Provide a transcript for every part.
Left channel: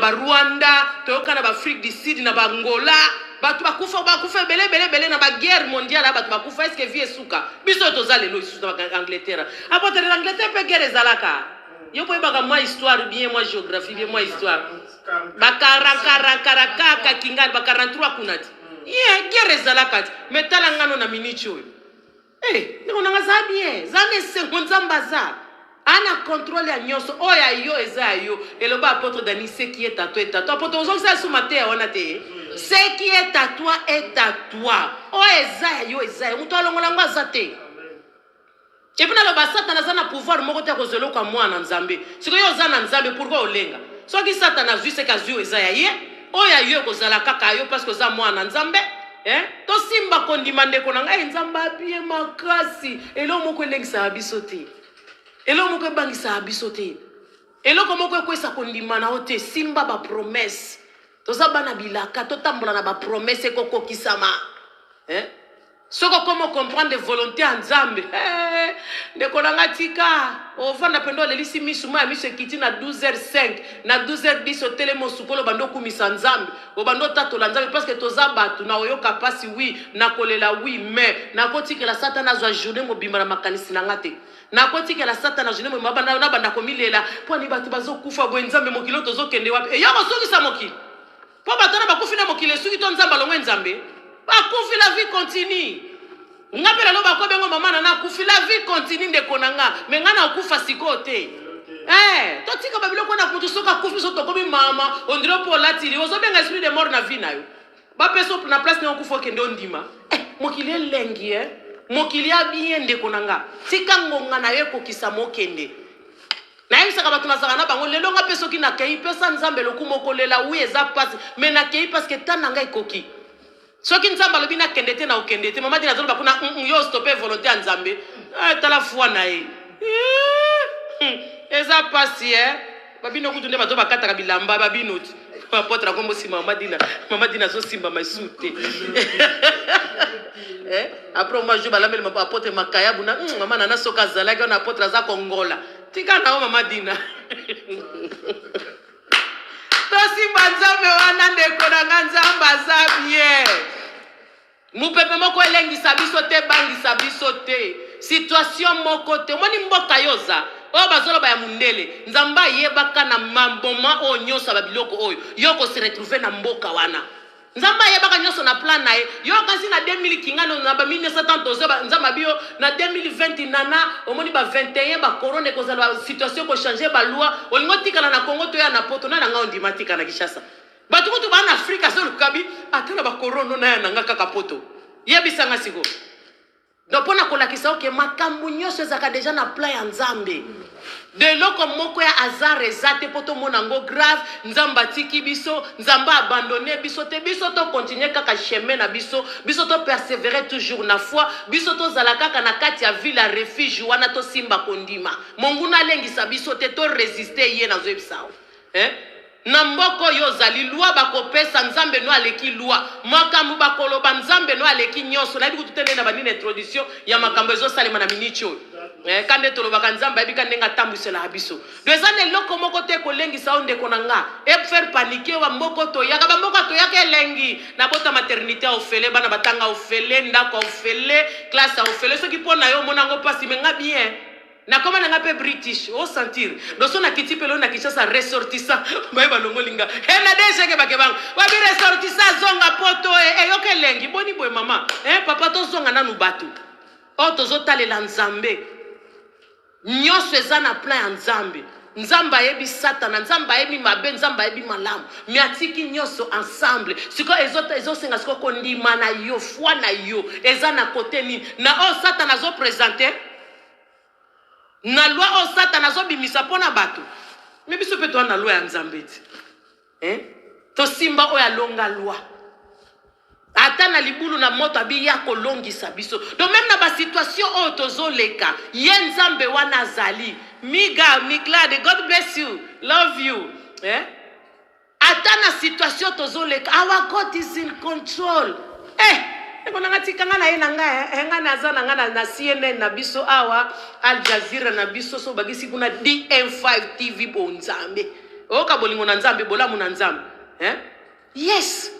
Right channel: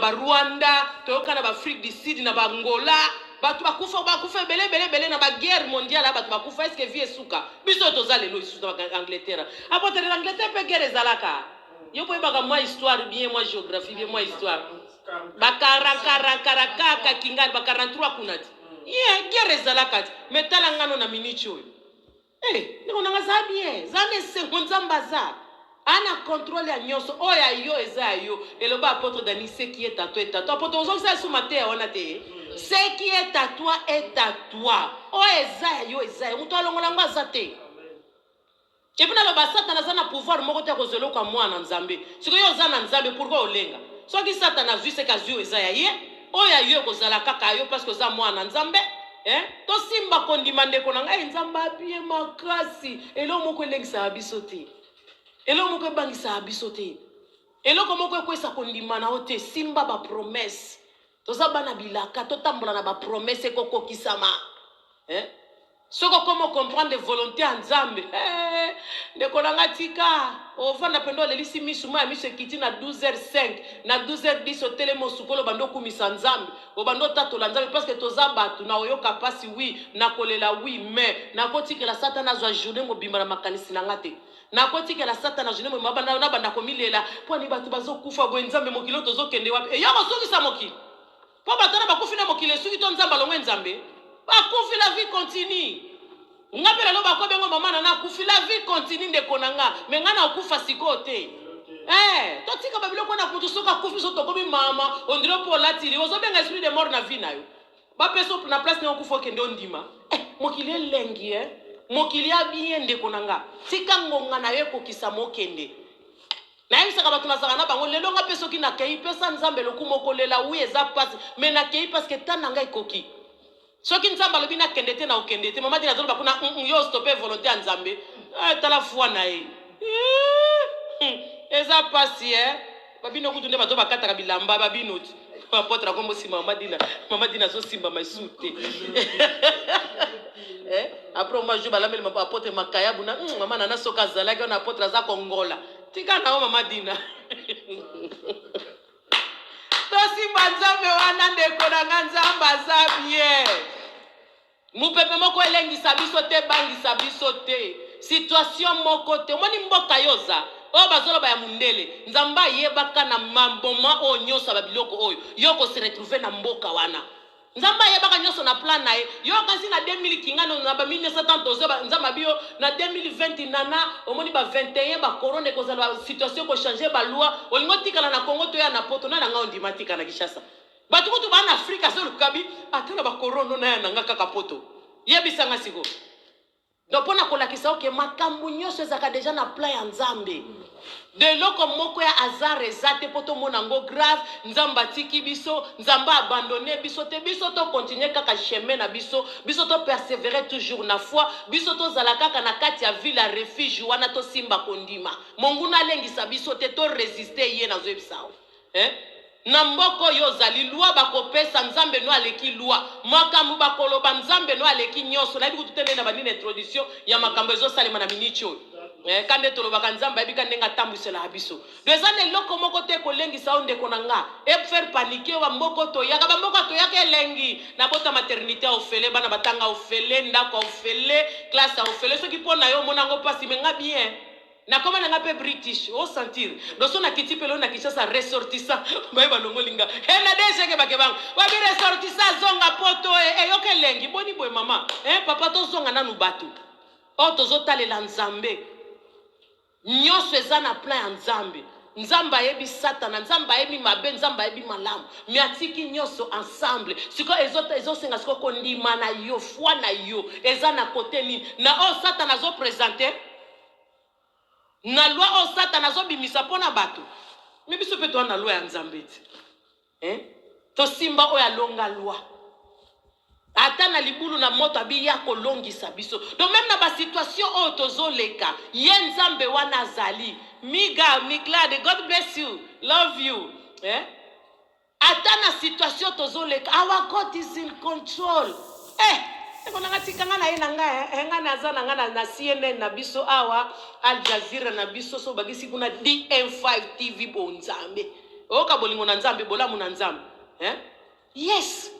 ba Rwanda toyoka na ba Afrique du Sud na ba Angola batu bakufa bele na ba guerre mondiale batu bakufa est-ce que vie suka biso tozale lo isu na Angleterre apote l'Angleterre pe guerre ezalaka yo po ba moi histoire bien moi géographie bien moi histoire ba 40 kingali ba 43 kunati guerre ezalaka mais tala ngano na minicho ndiko nanga za bien zane sekonzambaza ana contrôle ya nyoso oya yo eza yo eloba apôtre Dani ce qui est à toi est à toi apôtre ozong ça sous maté wana te ce qui est à toi est à toi o eza yo eza muto alongola ngo azate et puis na loba satana za na pouvoir moko te kozelo kwa mwana nzambe siko yo za na nzambe pourquoi olenga soki satana zui se kazu eza ya ye oya yo kozala kaka yo parce que za mwana nzambe to simba kondima ndeko na ngai nzamba bien makasi elo moko elengisa biso te elo moko bangisa biso te elo komoko ekwesa kondima na ote simba ba promesse toza bana bilaka to tambola na ba promesse kokokisama soko comment comprendre volonté en nzambe ndeko na ngatika ovanda pendo lelisi misuma miso kiti na 12h05 na 12h10 hôtel mosukolo bando kumisa nzambe obando tatola nzambe parce que toza batu na oyoka pasi oui na kolela oui mais na kotikela satana zwa journée mobimba na makanisi na ngate na kotikela satana journée mobimba na banda komilela po ni batu bazokufa bo nzambe mokilo tozokende wapi e yoko sokisa mokili po batana bakufina mokili suki to nzamba longwe nzambe bakufi la vie continue ngapela lo bakobe ngo mama na kufi la vie continue ndeko nanga mengana okufa sikote totika babiloko na kutu soka kufi so tokobi mama ondiro po latili ozobenga esprit de mort na vie na yo ba peso na place na okufa kende ondima mokili lengi mokili bien ndeko nanga tika ngonga na yo kokisa mokende na yebisa ka batuna zaka na bango lelo nga peso ki na kei pesa nzambe lokumokolela wi eza passe mais na kei parce que tananga ikoki soki nzamba lobi na kendete na okendete mama dina zolo bakuna yo stopper volonté nzambe tala foi na ye eza pasi babino kutunde bato bakata bilamba babino apotre kombo si mama dina zo simba masute après moi je balamel mama apotre makaya buna mama nana soka zala ka na apotre za kongola tika na mama dina tosimba nzambe wana ndeko na nzamba za bien mupepe moko elengisa biso te bangisa biso te situation moko te moni mboka yoza o bazolo ba ya mundele nzamba yebaka na mamboma o nyosa ba biloko oyo yoko se retrouver na mboka wana nzamba yebaka nyoso na plan na ye yo kasi na 2000 kingano na ba 1970 nzamba bio na 2020 nana omoni ba 21 ba corona ko zala situation ko changer ba loi olingo tikana na Congo to ya na poto na nga ondimatika na Kishasa batu kutu ba na Afrika so lukabi atana ba corona na ya nanga kaka poto yebisa nga siko donc pona kolakisa oke makambu nyonso ezaka deja na plan ya nzambe de loko moko ya hasard ezate poto mona ngo grave nzamba tiki biso nzamba abandonné biso te biso to continuer kaka chemin na biso to persévérer toujours na foi biso to zala kaka na kati ya ville ya refuge wana to simba kondima monguna lengisa biso te to résister ye na zoebisao na mboko yo zali loi bakopesa nzambe no aleki loi makambu bakoloba nzambe no aleki nyoso na biku tutene na banini introduction ya makambo ezo salema na minicho kande tolobaka nzambe ebika ndenga tambwisela biso dezane loko moko te kolengisa onde konanga e faire paniquer wa mboko to yaka ba mboko to yaka elengi na bota maternité ofele bana batanga ofele ndako ofele classe ofele soki pona yo monango pasi menga bien na koma na ngape British o sentir doso na kiti pelo na Kishasa ressortissa ba balongo linga na deje ke bakebang wa bi ressortissa zonga poto yoke lengi boni boy mama papa to zonga nanu batu o tozo talela nzambe nyoso eza na plan ya nzambe nzamba yebi satana nzamba yebi mabe nzamba yebi malamu miatiki nyoso ensemble siko ezo senga siko kondima na yo foi na yo eza na côté ni na o satana zo présenter na loi o satana zo bimisa pona bato me biso pe to na loi ya nzambe ti to simba o ya longa loi ata na libulu na moto abi ya kolongisa biso donc même na ba situation o tozo leka ye nzambe wana zali miga miglade God bless you love you ata na situation tozo leka our God is in control Kona tika na yena nga na zana nga na CNN na biso awa Al Jazeera na biso so bagisi kuna DM5 TV bonzambe oka bolingo na nzambe bolamu na nzambe yes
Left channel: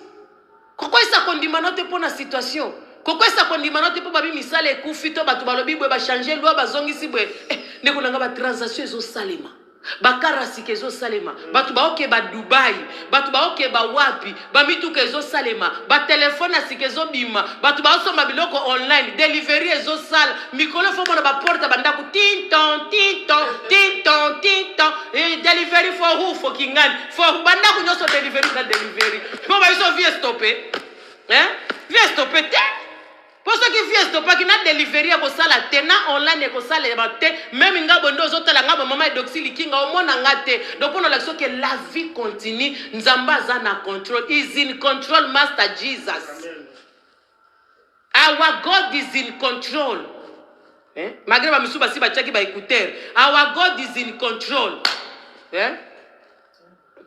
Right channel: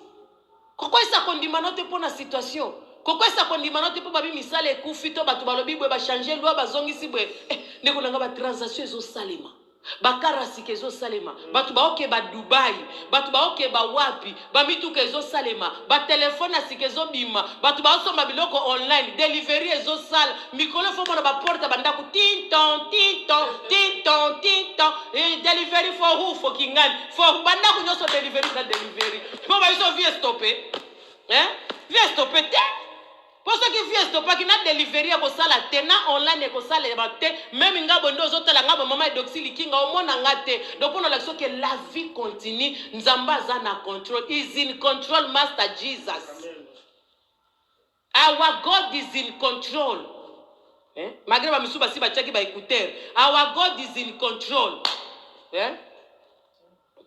kokwa esa kondima note po na situation kokwa esa kondima note po babi misala ekufi to bato balobi bwe ba changer loi bazongisi bwe ndeko nanga ba transaction ezo salema bakarasike ezo salema bato baoke ba Dubai bato baoke ba wapi ba mituka ezo salema ba telefone asike ezo bima bato baosomba biloko online delivery ezo sala mikolo fo mona ba porta bandako tinton delivery for who for kingani for bandako nyoso delivery na delivery mo ba iso vie stopper vie stopper te. Pour ceux qui viennent stopper qui n'a delivery ko sala te na online ko sala te même ngabo ndo zotala ngabo mama doxili kinga o mona ngate donc on a l'action que la vie continue nzamba za na control is in control master Jesus. Our God is in control. Malgré ba misuba si ba chaki ba écouteur our God is in control.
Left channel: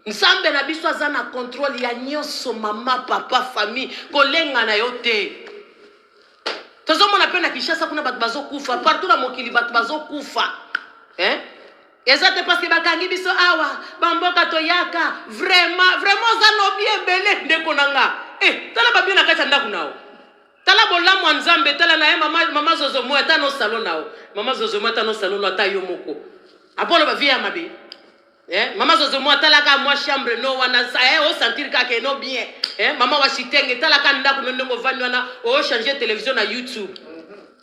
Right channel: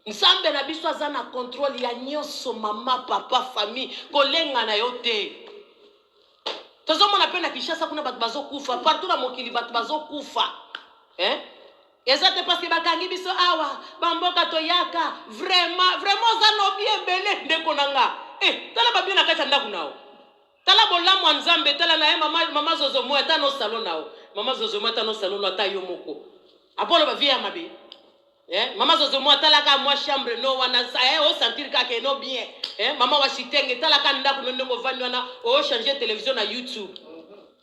Nzambe na biso za na control ya nyoso mama papa famille kolenga na yote. Tozo mona pena Kinshasa kuna batu bazo kufa partout na mokili batu bazo kufa ezate parce que bakangi biso awa bamboka toyaka vraiment za no bien belé ndeko nanga tala ba bien na kati ndako nao tala bolamu wa nzambe tala na mama zozo mo ata no salon nao mama zozo mo ata no salon ata yo moko apolo ba via mabe mama zozo mo tala ka moi chambre no wana o sentir ka ke no bien mama wa shitenge tala ka ndako no ndongo vani wana o changer télévision na YouTube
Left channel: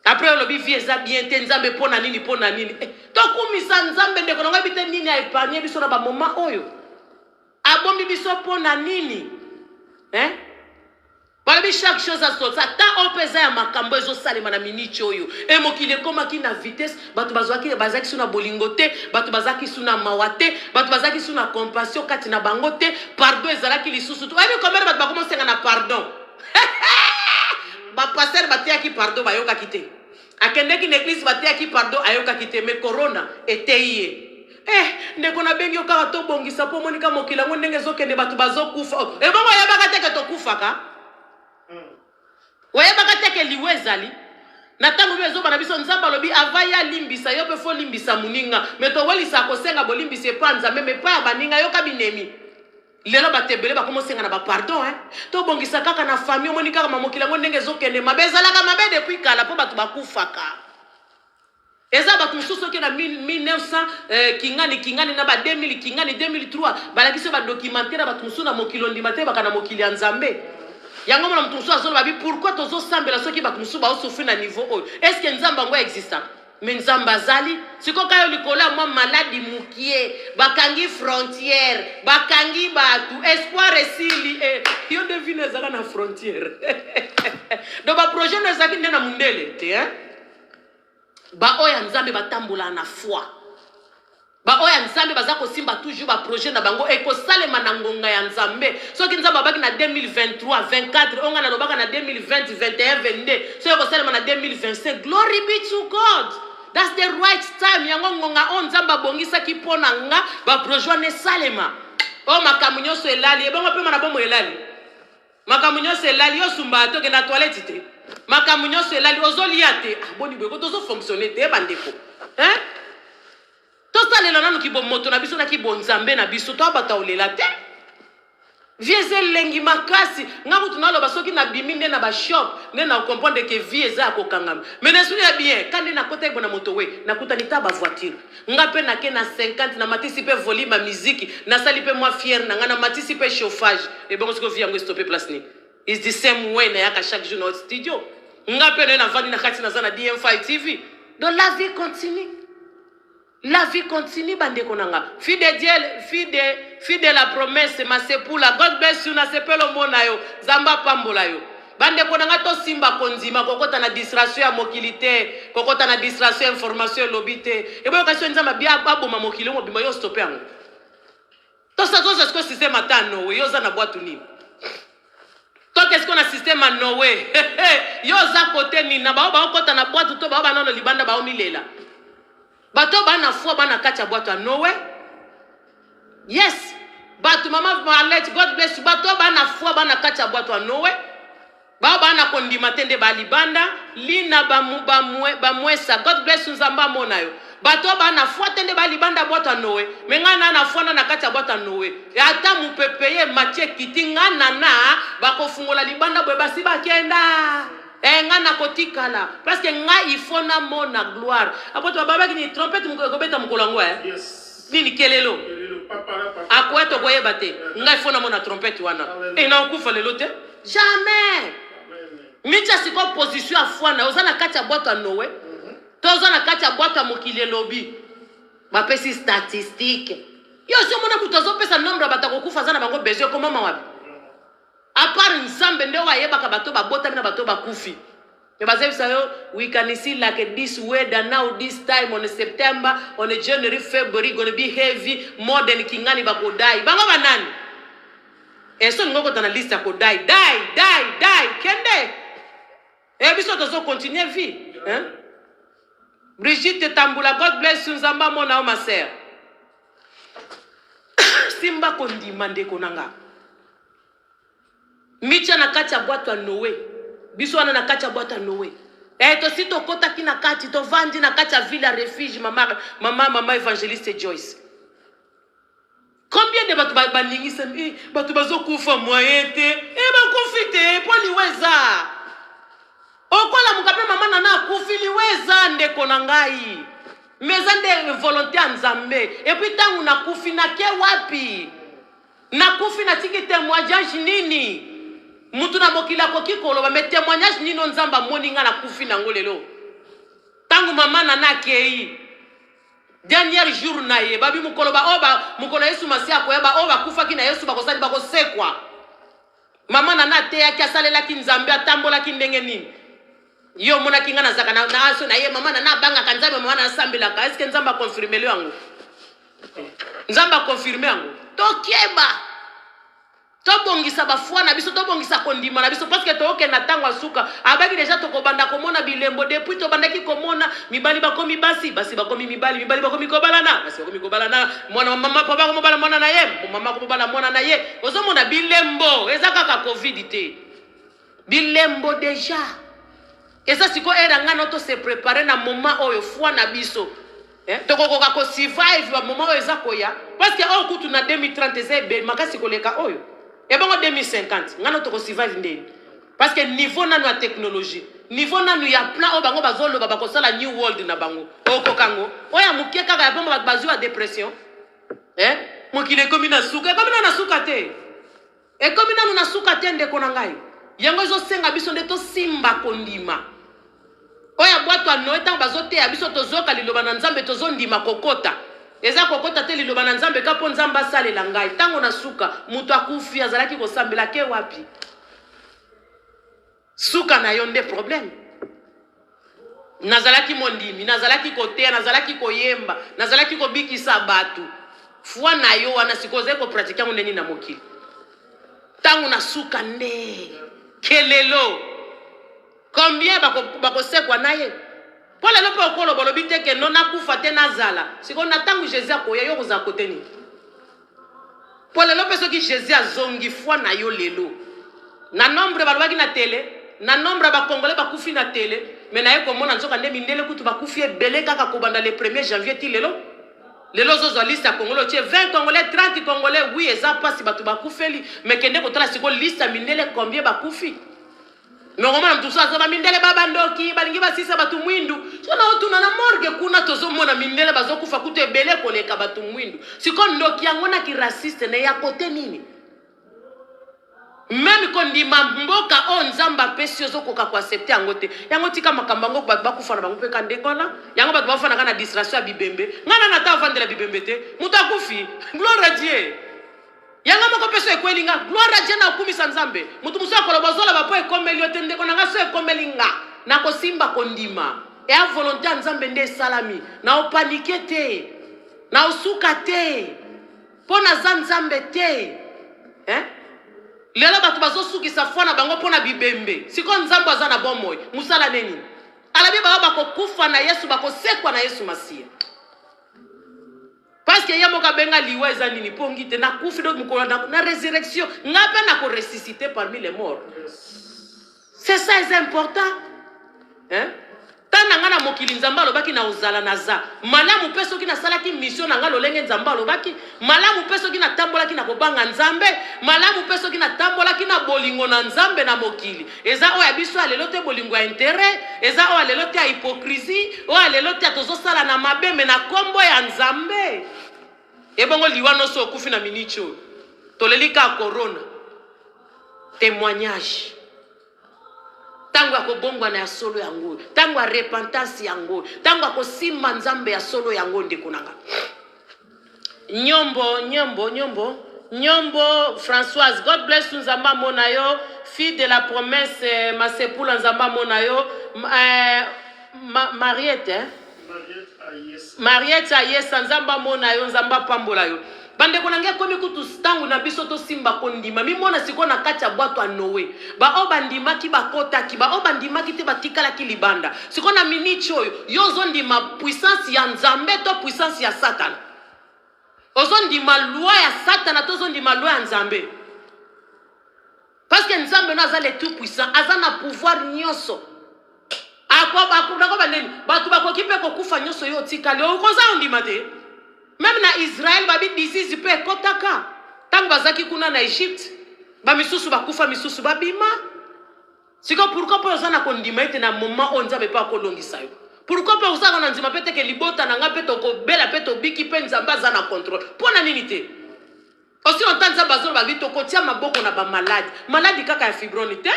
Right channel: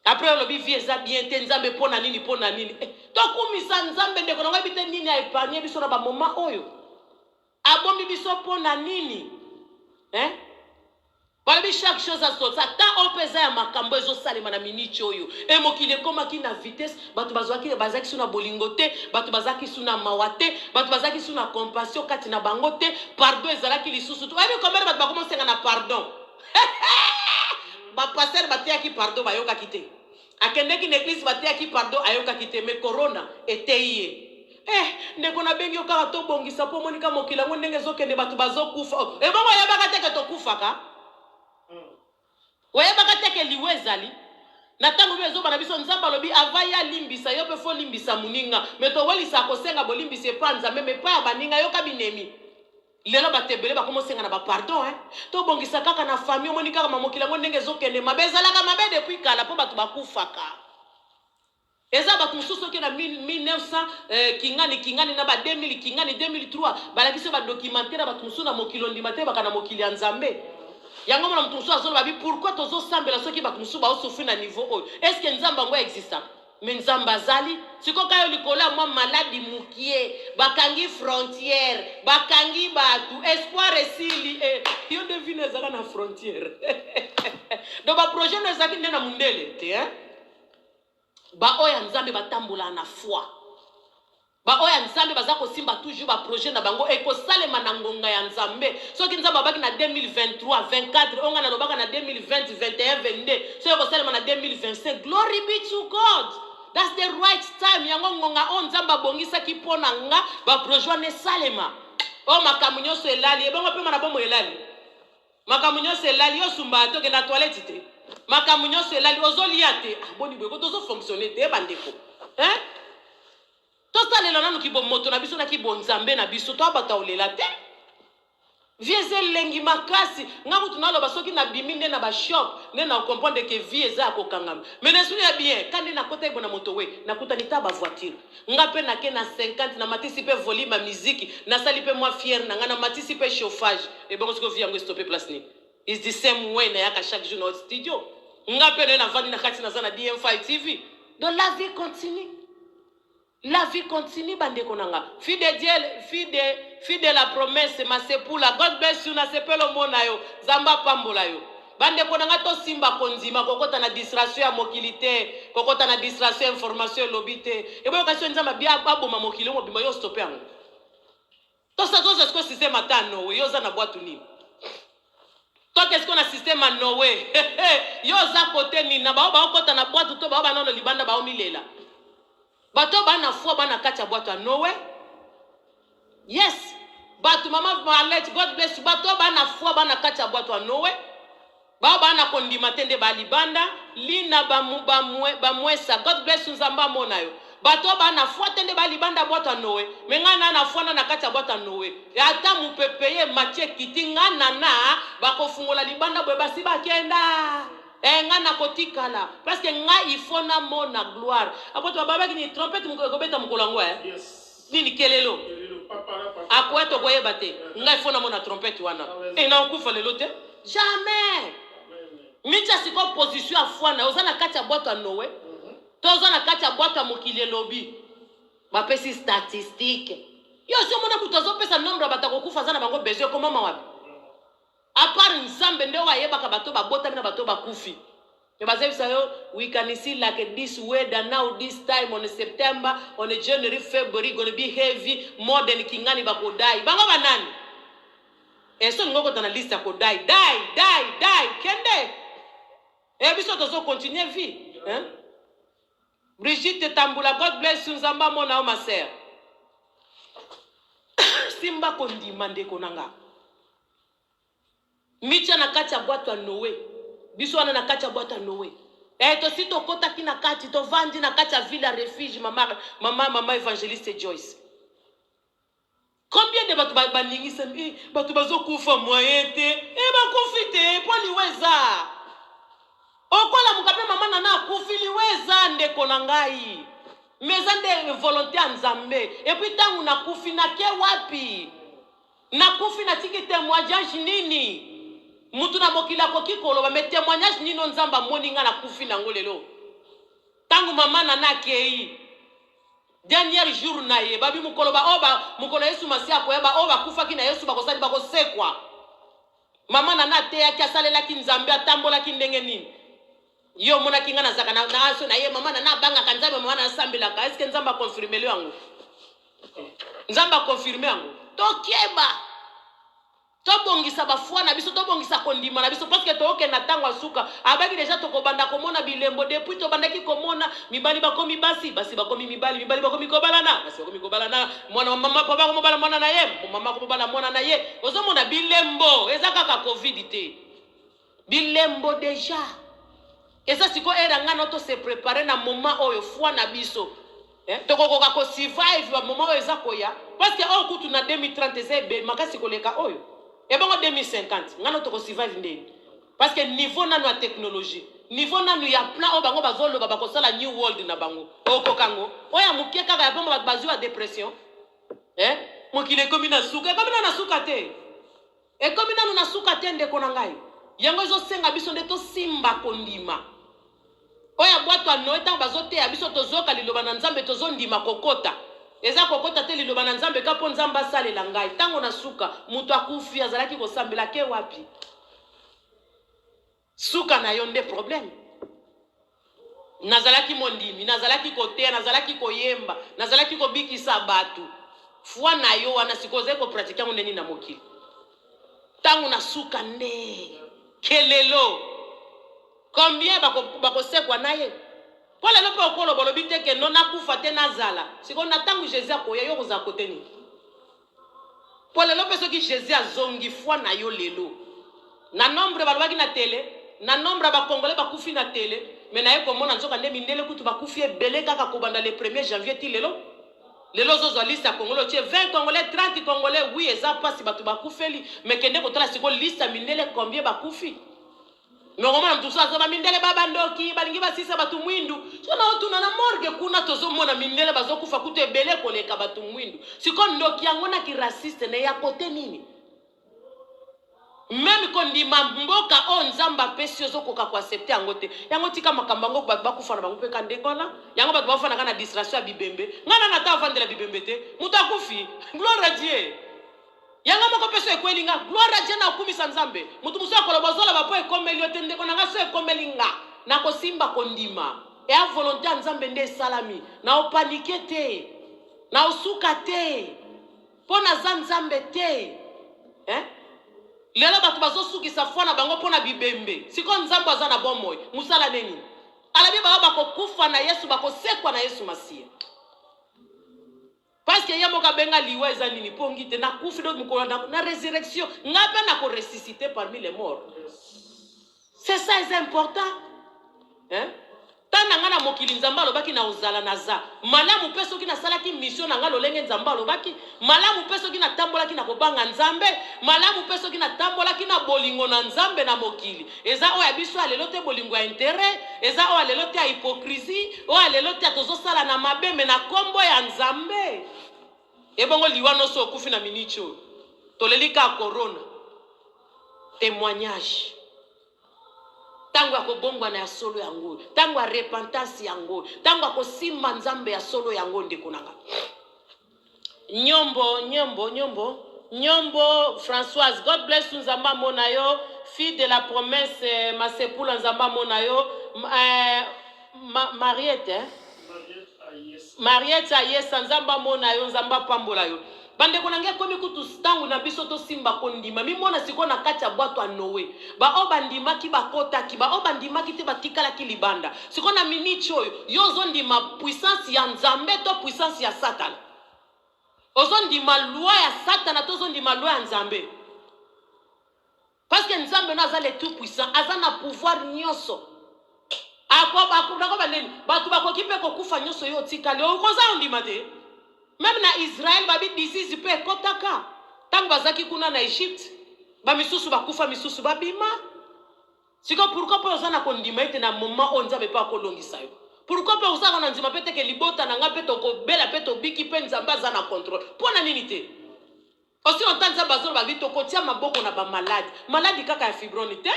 après on lobi vie za bien te nzambe pona nini to kumisa nzambe ndeko nga bite nini a épargner biso na ba moment oyo abombi biso pona nini Balabi chaque chose à son temps. Tant on pesa ya makambo ezo salema na minute oyo. E mokile koma ki na vitesse, batu bazwaki bazaki suna bolingote, batu bazaki suna mawate, batu bazaki suna compassion kati na bangote, pardon ezalaki lisusu. Oyebi combien batu bakomense na pardon. Ba passer batia ki pardon bayoka kite. Akende ki l'église batia ki pardon ayoka kite mais corona était hier. Ndeko na bengi okaka to bongisa po monika mokila ngo ndenge zokende batu bazokufa. E bongo yabaka teke to kufaka. Oye baka teke liwezali na tango bezo bana biso nzamba lobi avaya limbisa yo pe fo limbisa muninga meto wali sa ko senga bolimbise panza meme pa ya baninga yo kabinemi lelo batebele ba komo senga na ba pardon to bongisa kaka na famille monika kama mokila ngo ndenge zokende mabezala kama mabe depuis kala po batu bakufaka eza batu mususu ke na 1900 kingani na ba 2000 kingani 2003 balakisi ba documentaire batu mususu na mokilo ndimate baka na mokili ya nzambe. Yango mona mtumsu azolo babi pourquoi tozo sambela soki batu musu ba osofri na niveau oyo est-ce que nzamba ngo exista mais nzamba zali siko kayo likola mwa maladi mukie bakangi frontière bakangi batu espoir esili yo devine zaka na frontière do ba projet no zaki ndena mundele te ba oya nzambe batambola na foi ba oya nzambe bazako simba toujours ba projet na bango eko salema na ngonga ya nzambe soki nzamba baki na 2023 24 onga na lobaka na 2020 21 22 so eko salema na 2025 glory be to God. That's the right time yango ngonga on nzamba bongisa ki pona nga ba projet ne salema o makamunyo so elali e bongo pe mana bomo elali makamunyo so elali yo sumba to ke na toilette te makamunyo so elali ozoliate boni bwe ko tozo fonctionner te bandeko to salela nanu ki moto na biso na ki bonzambe na biso to abata olela te vieze lengi makasi ngamu tunaloba soki na bimi nde na ba shop nde na comprendre que vie eza ko kangama mais ne souviens bien quand na kota ibona moto we na kuta nita ba voiture ngape na ke na 50 na matisi pe volume ya musique na sali pe moi fier na ngana matisi pe chauffage et bon ce que vie yango stopper place ni is the same way na yaka chaque jour na studio ngape na vandi na kati na zana DM5 TV donc la vie continue. La vie continue, bande konanga. Fille de Dieu, fille de la promesse, ma sepula. God bless you, na sepelo mona yo. Zamba pambola yo. Bande konanga to simba konzima. Kokota na distraction ya mokilite. Kokota na distraction information lobite. Ebo okasyon nzamba biya babo ma mokilo mo bimba yo stoppe yango. To sa zo sko système ata no yo za na boîte ni. To qu'est-ce qu'on a système à Noé. Yo za côté ni na ba okota na boîte to ba ba nono libanda ba omilela. Bato bana fo bana kacha boîte Noé. Yes. Bato mama Marlette, God bless you. Bato bana fo bana kacha boîte Noé. Ba bana kondima tende ba libanda, lina ba mwesa. God bless you nzamba mona yo. bato bana foi tende ba libanda boîte à Noé mais ngana na foi na kati ya boîte à Noé et ata mu pepeye Mathieu kiti ngana na ba ko fungola libanda boye basi bakenda ngana kotikala parce que nga il faut na mona gloire apoto baba ki trompette mu ko beta mu kolangwa Yes. nini kelelo akweto koyeba te nga il faut na mona trompette wana et na okufa lelo te jamais micha siko position à foi na ozana kati ya boîte à Noé tozo na kati ya boîte ya mokili elobi bapesi statistique yo si omona mutu azopesa nombre ya bato akokufa aza na bango besoin komama wapi à part nzambe nde oyo ayebaka bato babotami na bato bakufi me bazebisa yo we can see like this weather now this time on September on January February gonna be heavy more than kingani bakodai bango banani eso ngoko na liste ya kodai die kende biso tozo continuer vie hein. Brigitte Tamboula, God bless you, Nzamba mona o ma sœur. Simba kondi mande konanga. Micha na kati ya boîte à Noé. Biso wana na kati ya boîte à Noé. To sito kota kina kati to vandi na kati ya villa refuge mama évangéliste Joyce. Combien de batu baningisa batu bazokufa moyen te bakufite po liweza. Okola mukape mama nana kufili weza ndeko na ngai. Meza nde volonté nzambe. Et puis tangu na kufi na ke wapi? Na kufi na tiki témoignage nini? Mutu na mokila ko kikolo ba met témoignage nino nzamba moninga na kufi na ngolelo. Tangu mama nana kei. Dernier jour na ye babi mukolo ba oba mukolo Yesu masia ko yeba oba kufa kina Yesu bakosali bakosekwa. Mama nana te yaki asalela ki nzambe atambola ki ndenge nini? Yo mona kinga na zaka na aso na ye mama na banga kanzambe mama na sambela ka est-ce que nzamba confirmer le yango nzamba confirmer yango to kieba to bongisa ba foi na biso to bongisa kondima na biso parce que to oke na tango asuka abaki déjà to ko banda ko mona bilembo depuis to bandaki ko mona mibali bakomi basi bakomi mibali bakomi ko balana basi bakomi ko balana mwana mama papa ko bala mwana na ye mama ko bala mwana na ye ozo mona bilembo ezaka ka covid te bilembo déjà. Et ça, c'est quoi? On se préparer na moment où il faut na biso. Donc on va survive na moment où il zakoya. Parce que au coup tu na 2030 c'est makasi koleka oyo. Et bon en 2050, ngano to survive ndeni. Parce que niveau na la technologie, niveau na ya plan o bango bazolo ba ko sala new world na bango. Oko kango. Oya mukie kaka ya bomba bazu a dépression. Mokile komi na suka, komi na suka te. Et komi na suka te ndeko na ngai. Yango zo senga biso ndeto simba kondima. Oya boîte à Noé tant bazote ya biso tozoka liloba na nzambe tozondima kokota. Eza kokota te liloba na nzambe kapo nzamba sale la ngai. Tango na suka mutu akufi azalaki ko sambela ke wapi? Suka na yonde problème. Nazalaki mondimi, nazalaki kotea, nazalaki koyemba, nazalaki kobikisa batu. Fwa na yo wana sikoze ko pratika nini na mokili. Tango na suka nde kelelo. Combien bako sekwa naye? Pour le lopo okolo bolobi te ke non akufa te nazala. Siko na tangu Jésus akoya yo koza kote ni. Pour le lopo soki Jésus azongi fwa na yo lelo. Na nombre balwaki na télé, na nombre ba congolais bakufi na télé, mais na ye komona nzoka nde mindele kutu bakufi ebele kaka kobanda le 1er janvier ti lelo. Lelo zozo liste ya Congolais tie 20 congolais 30 congolais oui eza pasi batu bakufeli mais kende kotala siko liste ya mindele combien bakufi. Nongoma mtuso azoba mindele baba ndoki balingi basisa batu mwindu sona otuna na morgue kuna tozomona mindele bazokufa kutu ebele koleka batu mwindu siko ndoki yango na ki raciste ne ya kote nini même kondima mboka o nzamba pesi ozokoka ko accepter yango te yango tika makamba ngo batu bakufa na bango pe kandekola yango batu bafana kana distraction ya bibembe ngana na ta vandela bibembe te mutu akufi gloire à Dieu. Yanga moko peso ekwelinga gloire à Dieu na kumisa nzambe mutu muso akolobozola bapo ekomeli otende ko nanga so ekomelinga na kosimba kondima e a volonté nzambe nde salami na opanike te na osuka te pona za nzambe te lelo batu bazosukisa fona bango pona bibembe siko nzambe aza na bomoy musala neni alabi bako kufa na Yesu bakosekwa na Yesu Masia. Parce que yamo kabenga liwa eza nini pongi te na kufi do mukolo na résurrection ngape na ko ressusciter parmi les morts. C'est ça est important. tana ngana mokili nzamba lobaki na ozala naza malamu peso ki na salaki mission na ngalo lenge nzamba lobaki malamu peso ki na tambolaki na kobanga nzambe malamu peso ki na tambolaki na bolingo na nzambe na mokili eza oya biso alelo te bolingo ya intérêt eza oya lelo te ya hypocrisie oya lelo te tozosala na mabe me na kombo ya nzambe ebongo liwa noso okufi na minicho tolelika corona témoignage tango ya kobongwa na ya solo yango tango ya repentance yango tango ya kosimba nzambe ya solo yango ndeko nanga nyombo Françoise, God bless you nzamba mona yo fille de la promesse masepula nzamba mona yo Mariette ayesa nzamba mona yo nzamba pambola yo bande konange komi kutu stangu na biso to simba kondima mi mona siko na kati ya bwato a Noé ba o bandima ki bakota ki ba o bandima ki te batikala ki libanda siko na minichi oyo yo zondima puissance ya nzambe to puissance ya Satan ozondima loi ya Satan to zondima loi ya nzambe parce que nzambe no aza le tout puissant aza na pouvoir nyonso akobako bandeni batu bakoki pe kokufa nyonso yo tikali okoza ondima te. Même na Israël, babi disease pe kotaka. Tango bazaki kuna na Egypte, ba misusu bakufa misusu babima. Siko pourquoi pas osana kondima ete na moment on nzambe pa kolongisa yo. Pourquoi pas osana na nzima pete ke libota na nga pete ko bela pete obiki pe nzamba za na contrôle. Pona nini te? Aussi longtemps nzamba zo babi to kotia maboko na ba malade. Malade kaka ya fibronite,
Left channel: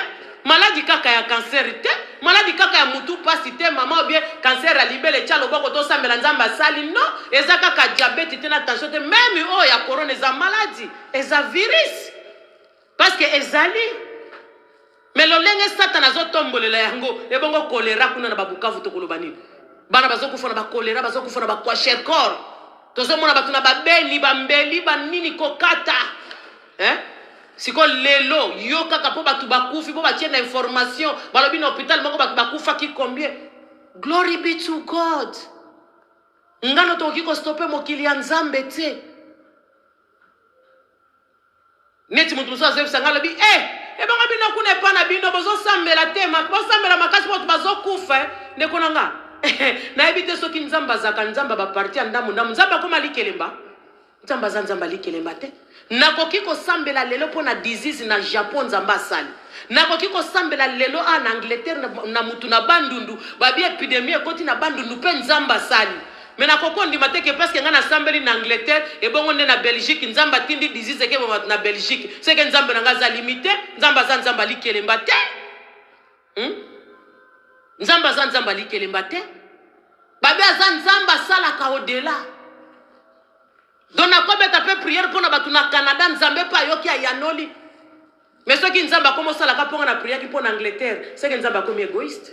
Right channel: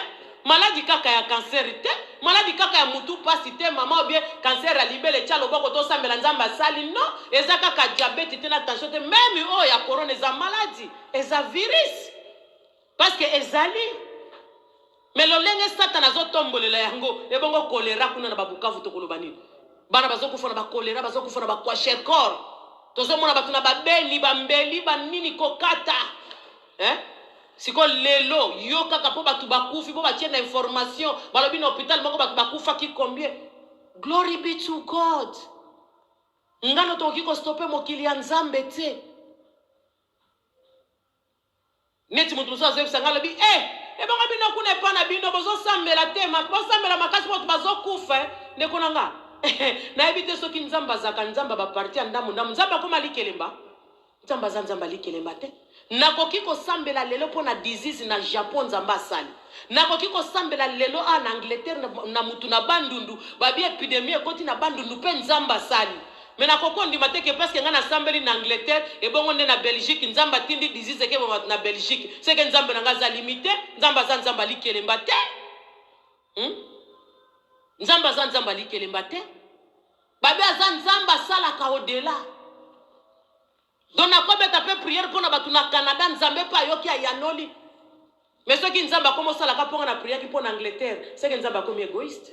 malade kaka ya cancer te, malade kaka ya mutu pasi te, mama obie cancer ya libele tia loboko to sambela nzamba sali no, eza kaka diabète te na tension te, même o ya corona eza maladie, eza virus. Parce que ezali mais lolenge Satan azotombolela yango ebongo choléra kuna na babukavu to koloba nini. Bana bazokufa na ba choléra, bazokufa na ba kwashiorkor. Tozomona batu na babeni bambeli banini kokata. Siko lelo yo kaka po batu bakufi po batie na information balobi na hôpital moko batu bakufa ki combien. Glory be to God. Ngano toki ko stopper mokili ya nzambe te. Neti mutu so azo sanga lobi ebanga bino kuna pa na bino bozo sambela te bozo sambela makasi po bazo kufa ndeko nanga. Na ebite soki nzamba zaka nzamba ba parti ndamu nzamba koma likelemba. Nzamba za nzamba likelemba te. Nakoki ko sambela lelo pona disease na Japon nzamba sali. Nakoki ko sambela lelo na Angleterre na mutu na bandundu babi epidemie koti na bandundu pe nzamba sali. Mais nakoko ndima te ke parce que ngana sambeli na Angleterre e bongo nde na Belgique nzamba tindi disease ke bo na Belgique. C'est que nzamba nga za limité nzamba za nzamba likelemba te. Nzamba za nzamba likelemba te. Babi za nzamba sala ka odela. Donc na kobeta pe prière pour na batu na Canada nzambe pa yoki ya yanoli. Mais ceux qui nzamba comme ça la ka ponga na prière pour na Angleterre, c'est que nzamba comme égoïste.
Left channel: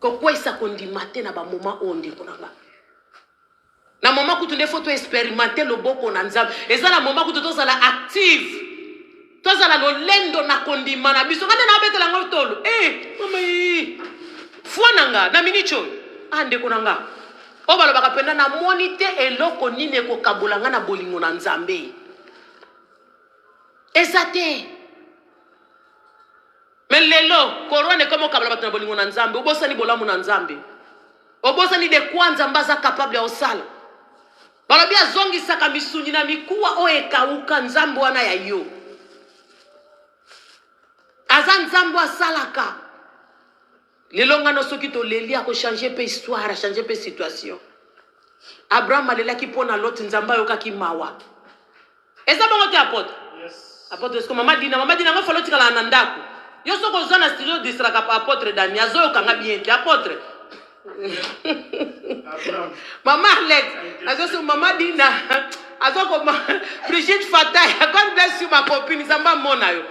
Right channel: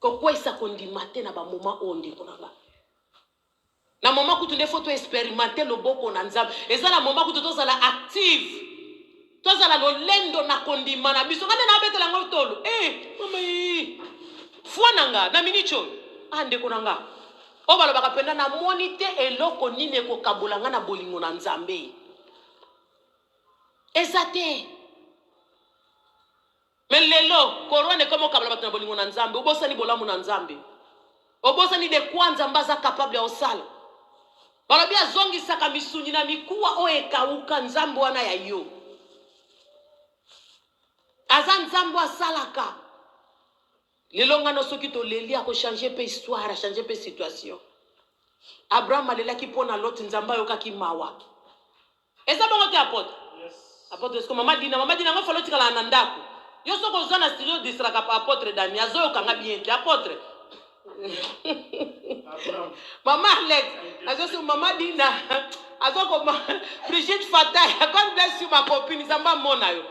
Kokwa isa kondimate na ba moment onde konanga. Na moment kutu nde photo expérimenter le boko na nzambe. Eza na moment kutu to sala active. To sala lo lendo na kondima na biso ngana na betela ngotolo. Mama fuananga na minicho. Ande konanga obalo bakapenda na monite eloko nini ko kabulanga na bolingo na nzambe ezate melelo korone komo kabula batuna bolingo na nzambe obosa ni bolamu na nzambe obosa ni de kwanza mbaza capable ya osala balobia zongi saka misunyi na mikuwa oekauka nzambe wana ya yo aza nzambe asalaka. Les longanos soki to leli a ko changer pe histoire, a changer pe situation. Abraham alela ki pona lot nzamba yoka ki mawa. Eza bongo te apôtre. Yes. Apôtre est-ce que mama dina nga falo tikala na ndako. Yo soko zana studio distraka pa apôtre Dani azo kanga bien te apôtre. Mama Alex, azo so mama dina azo ko Brigitte Fatay, God bless you ma copine nzamba mona yo.